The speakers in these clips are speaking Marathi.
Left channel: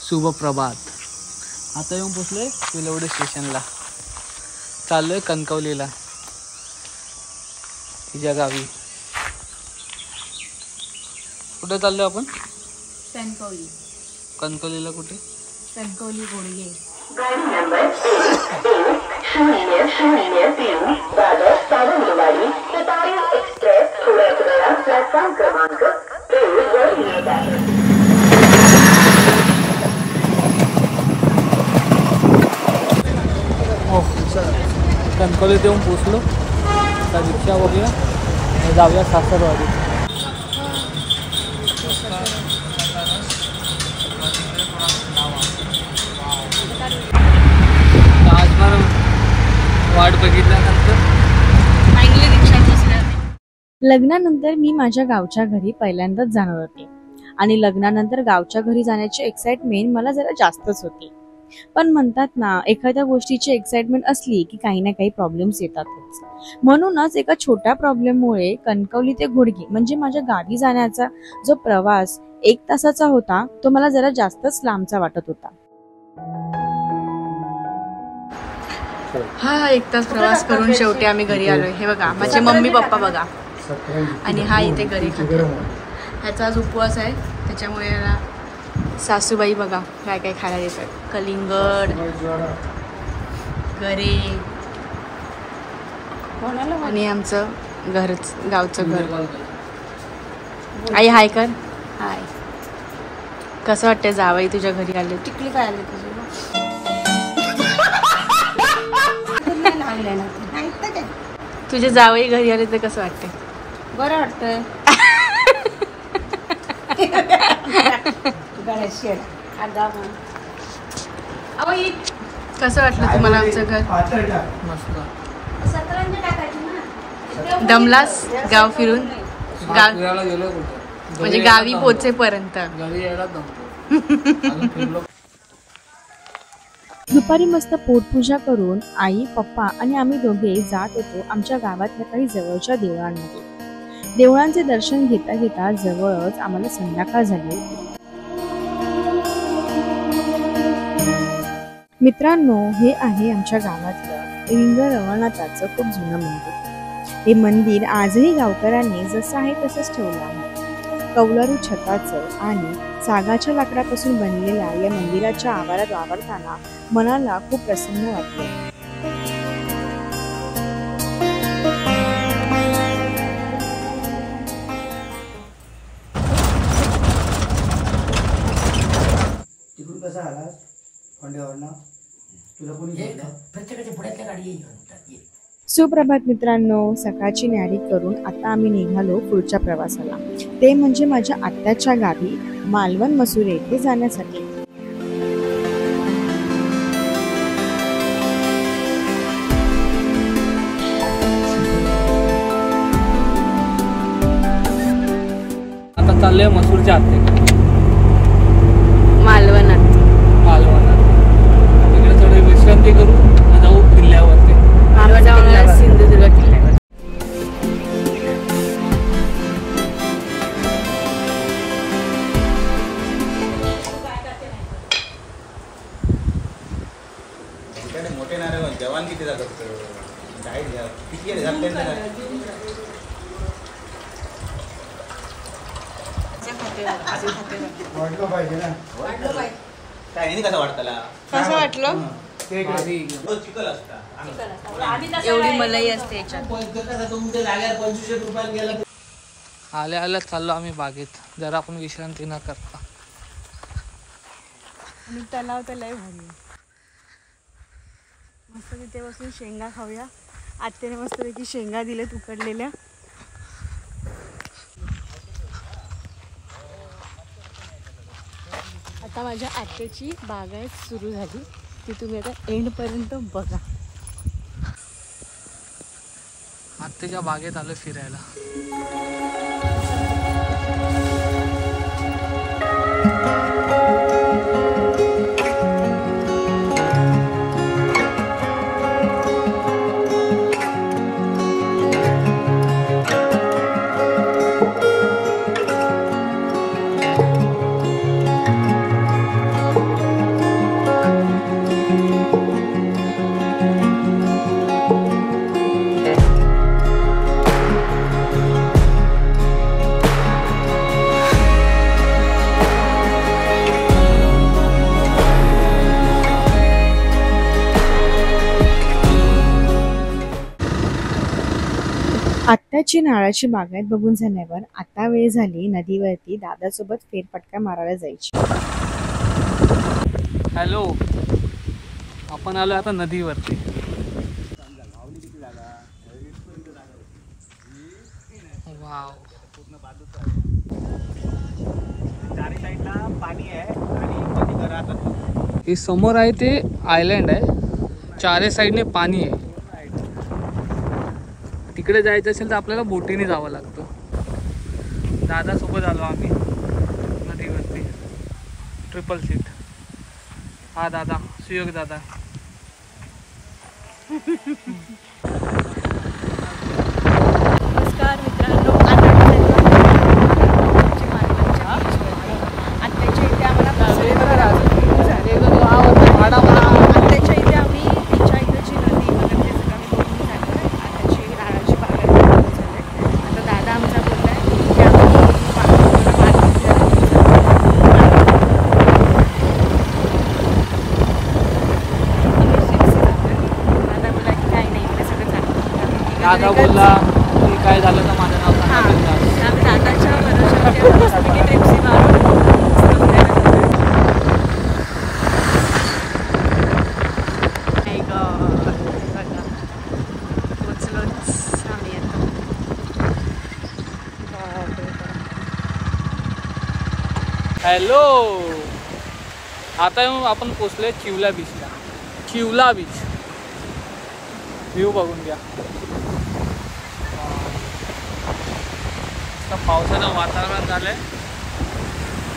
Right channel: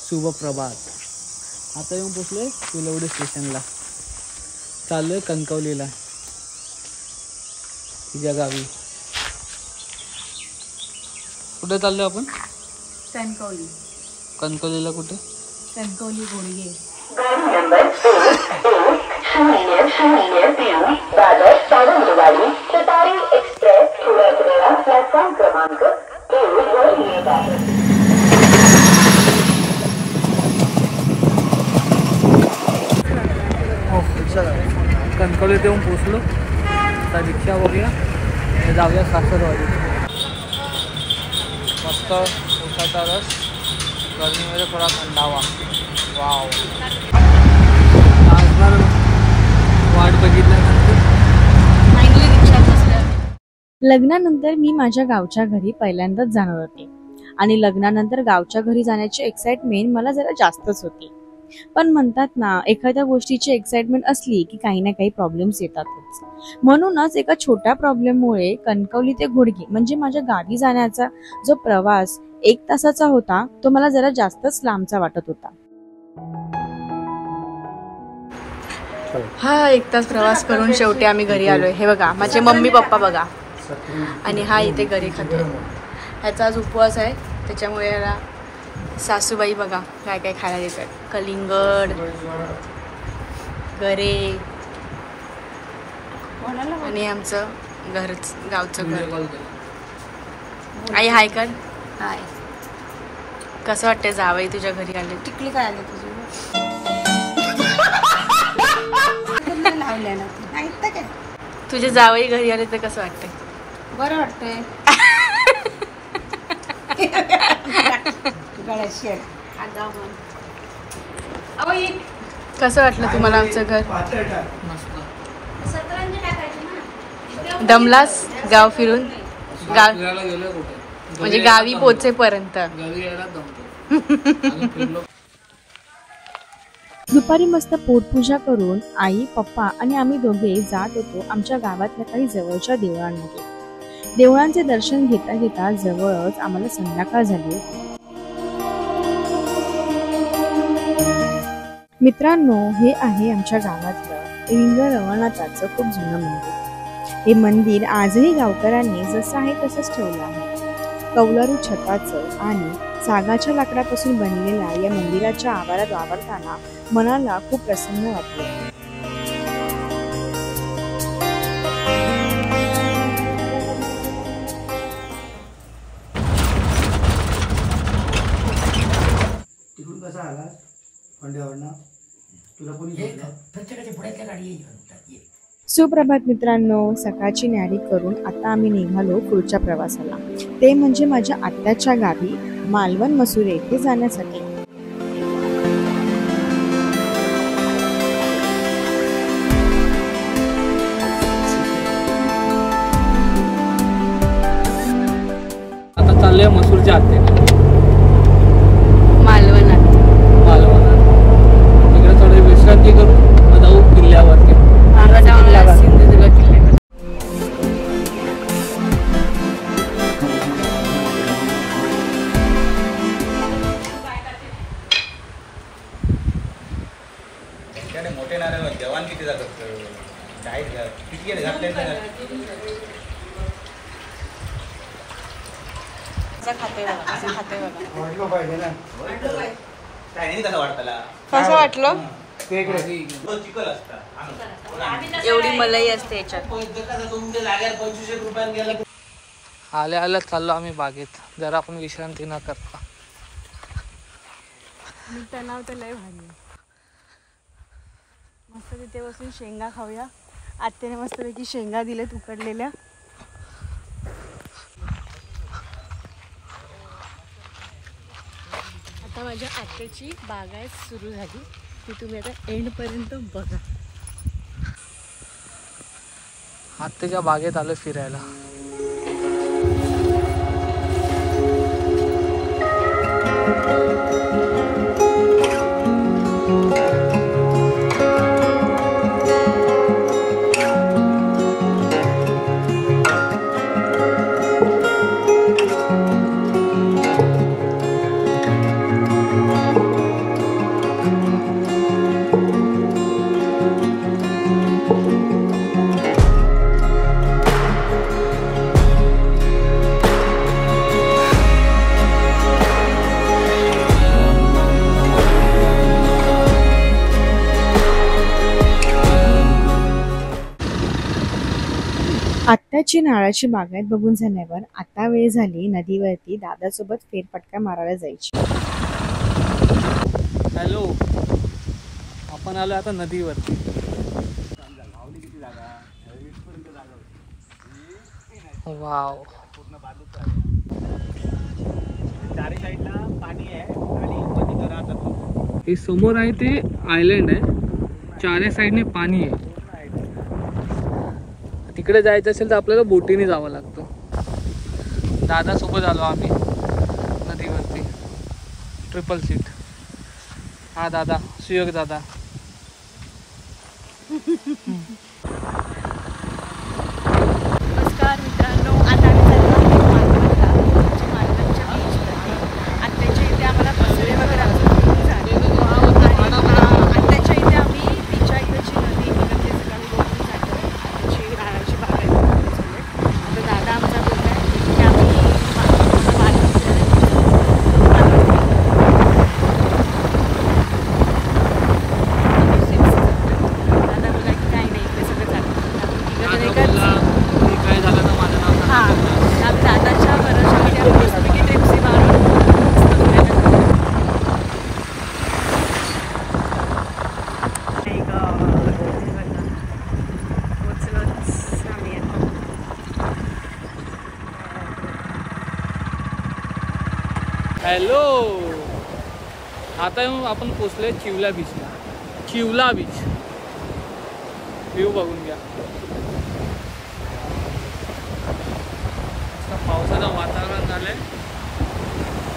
शुभ प्रभात. आता येऊन पोचलोय पिलवडी स्टेशनला. चाललोय कणकवलीला, तिच्या गावी. कुठे चाललोय आपण? कणकवली. कणकवलीला कुठे? कणकवली घोडगे. गाड़ी नंबर 1-0-0-3 दादर सावंतवाडी शताब्दी एक्सप्रेस सुरतगडा प्लॅटफॉर्म क्रमांक 2 वर येत आहे. कणकवलीत येऊन पोचलो. आता रिक्षा बघूया, जाऊया सासरवाडी. मस्त उसाचा रस, गर्मीमध्ये थोडा थंडावा. वाव. तासभर वाट बघितल्यानंतर फायनली रिक्षात बसले. लग्नानंतर मी माझ्या गावच्या घरी पहिल्यांदाच जाणार होते आणि लग्नानंतर गावच्या घरी जाण्याची एक्साइटमेंट मला जरा जास्तच होती. पण म्हणतात ना, एखाद्या गोष्टीची एक्साइटमेंट असली की काही ना काही प्रॉब्लेम्स येतातच. म्हणूनच एका छोट्या प्रॉब्लेममुळे कणकवली ते घोडगे म्हणजे माझ्या गावी जाण्याचा जो प्रवास 1 तासाचा होता तो मला जरा जास्तच लांबचा वाटत होता. हा 1 तास प्रवास करून शेवटी आम्ही घरी आलोय. हे बघा माझे मम्मी पप्पा बघा, आणि हा इथे घरी खातो. ह्याचा आज उपवास आहे, त्याच्यामुळे याला सासूबाई बघा काय काय खायला देतात. कलिंगड, गरे, आणि आमचं गावचं घर. आई हाय कर. हाय. कसं वाटतंय जावई तुझ्या घरी आले? टिकली काय आले तुझे? तुझे जावई घरी आले तर कसं वाटतंय? बरं वाटतंय. कसं वाटलं तुम्हाला आमचं घर? दमलास गाव फिरून? गाव म्हणजे गावी पोचेपर्यंत. दुपारी मस्त पोटपूजा करून आई, पप्पा आणि आम्ही दोघे जात होतो आमच्या गावातल्या काही जवळच्या देवळांमध्ये. देवळांचे दर्शन घेता घेता जवळच आम्हाला संध्याकाळ झाली होती. मित्रांनो, हे आहे आमच्या गावातलं रिंग रवळनाथाचं खूप जुनं मंदिर. हे मंदिर आजही गावकऱ्यांनी जसं आहे तसंच ठेवलं आहे. कौलारू छताचं आणि सागाच्या लाकडापासून बनलेल्या या मंदिराच्या आवारात वावरताना मनाला खूप प्रसन्न वाटले. सुप्रभात मित्रांनो, सकाळची न्यारी करून आता आम्ही निघालो पुढच्या प्रवासाला, ते म्हणजे माझ्या आत्याच्या गावी मालवण मसुरे येथे जाण्यासाठी. आता चाललोय मसूरच्या आत्याकडे, मालवणात. तिकडे थोडी विश्रांती करू, मग जाऊ किल्ल्यावरती. सिंधुदुर्ग किल्ल्यावर. मोठे नारळ जवान किती जातात? किती कसं वाटलं? एवढी मलाई असते याच्यात. आल्या आल्या चाललो आम्ही बागेत, जरा आपण विश्रांती न करता. तलाव तर लय भारी, मस्त तिथे बसून शेंगा खाऊया. आत्याने मस्तपैकी शेंगा दिलेत उकडलेल्या. आता माझ्या आत्याची बागायत सुरू झाली, ती तुम्ही आता एंड पर्यंत बघा. आत्याच्या बागेत आलो फिरायला. आत्याची नारळाची बागायत बघून झाल्यावर आता वेळ झाली नदीवरती दादासोबत फेरफटका मारायला जायची. हॅलो, आपण आलो आता नदीवरती. वाव, चारी साईडला पाणी आहे आणि मध्ये घरात असतात. हे समोर आहे ते आयलंड आहे, चारही साईडने पाणी आहे. तिकडे जायचं असेल तर आपल्याला बोटीने जावं लागतं. दादासोबत आलो आम्ही नदीवरती, ट्रिपल सीट. हा दादा, सुयोग दादा. नमस्कार मित्रांनो, आता आम्ही चाललो मालवणच्या बीचवरती. आत्याच्या इथे आम्हाला पसरे वगैरे अजून झाले. आत्याच्या इथे आम्ही तिच्या इथे जी नदी वगैरे ते सगळं आम्ही बघून झालो आहे. आत्याची नारळाची बागायत बघून झाले. आता दादा आमचा बोलला आहे की आम्ही मालवण फिरायला. दादा बोला की काही नाही, इकडे सगळं चालतं. आम्ही तिघं काय झालं तर माझं नाव हां, आम्ही दादाच्या भरोशावरती आम्ही मस्तपैकी ट्रिप्सी मारून मस्त फिरायला जातो. पोचलोच आम्ही आता. हॅलो, आता आपण पोचलोय चिवला बीचला. चिवला बीच व्ह्यू बघून घ्या. पावसाचं वातावरण झालंय,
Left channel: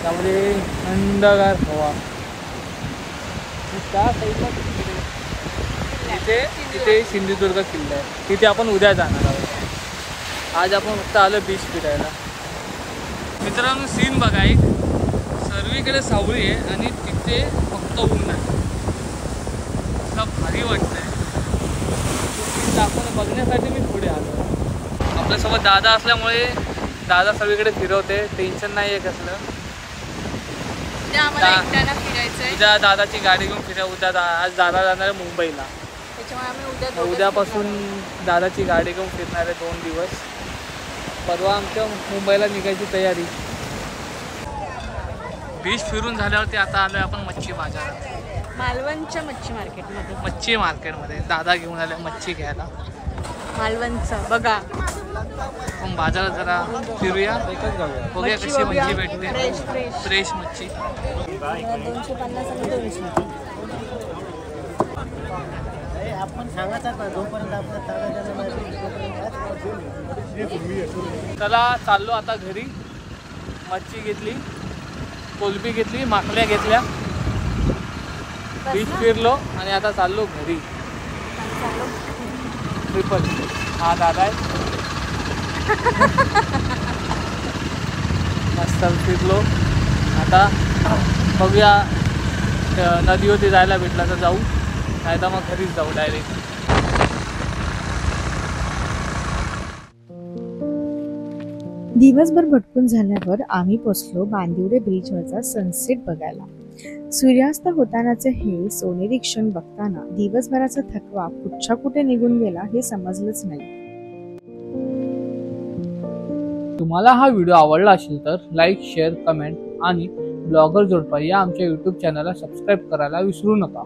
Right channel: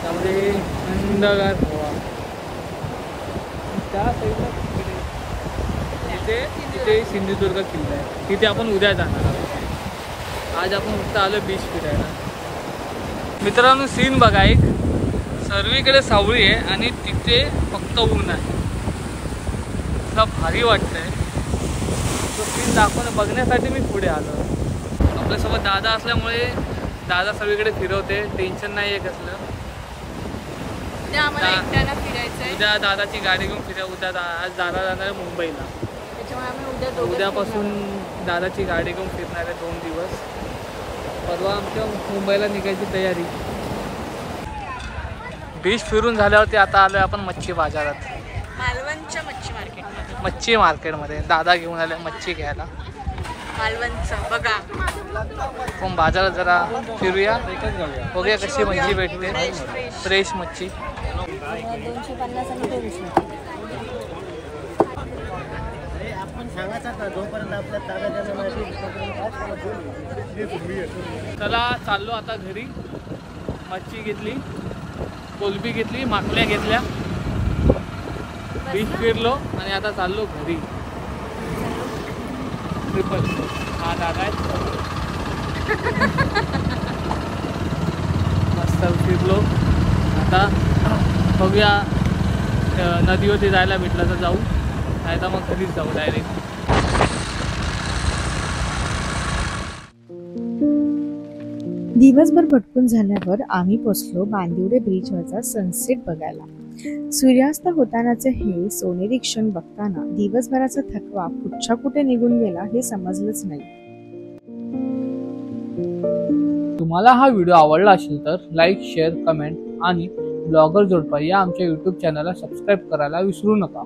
त्यामध्ये थंडगार हवा. त्या साईडला तिथे सिंधुदुर्ग किल्ला आहे, तिथे आपण उद्या जाणार आहोत. आज आपण फक्त आलो बीच फिरायला. मित्रांनो, सीन बघा, एक सर्वीकडे सावळी आहे आणि तिथे फक्त ऊन आहे. इतका भारी वाटतंय. तो सीन दाखवून बघण्यासाठी मी पुढे आलो. आपल्यासोबत दादा असल्यामुळे दादा सगळीकडे फिरवते, टेन्शन नाही आहे कसलं. उद्या आम्हाला एकट्याला फिरायचं आहे, उद्या दादाची गाडी घेऊन फिरा. उद्या आज दादा जाणार आहे मुंबईला, त्याच्यामुळे आम्ही उद्यापासून दादाची गाडी घेऊन फिरणार आहे 2 दिवस. परवा आमच्या मुंबईला निघायची तयारी. बीच फिरून झाल्यावरती आता आलोय आपण मच्छी बाजारात, मालवणच्या मच्छी मार्केटमध्ये. मच्छी मार्केटमध्ये दादा घेऊन आले मच्छी घ्यायला. मालवणचा बघा, आपण बाजारात जरा फिरूया, बघूया कशी मच्छी भेटते. फ्रेश मच्छी 250 आणि 200. आपण सांगायचं ना, जोपर्यंत आपल्या ताब्यात. चला चाललो आता घरी. मच्छी घेतली, कोलंबी घेतली, माकल्या घेतल्या, बीच फिरलो आणि आता चाललो घरी. ट्रिपल. हा दादा आहे. मस्त फिरलो. आता बघूया, नदीवरती जायला भेटला तर जाऊ, नाही तर मग घरीच जाऊ डायरेक्ट. दिवसभर भटकून झाल्यावर आम्ही पोचलो बांदिवडे ब्रिजवरचा सनसेट बघायला. सूर्यास्त होतानाचे हे सोनेरी क्षण बघताना दिवसभराचा थकवा कुठच्या कुठे निघून गेला हे समजलंच नाही. तुम्हाला हा व्हिडिओ आवडला असेल तर लाईक, शेअर, कमेंट आणि ब्लॉगर जोडपा या आमच्या YouTube चॅनलला सबस्क्राईब करायला विसरू नका.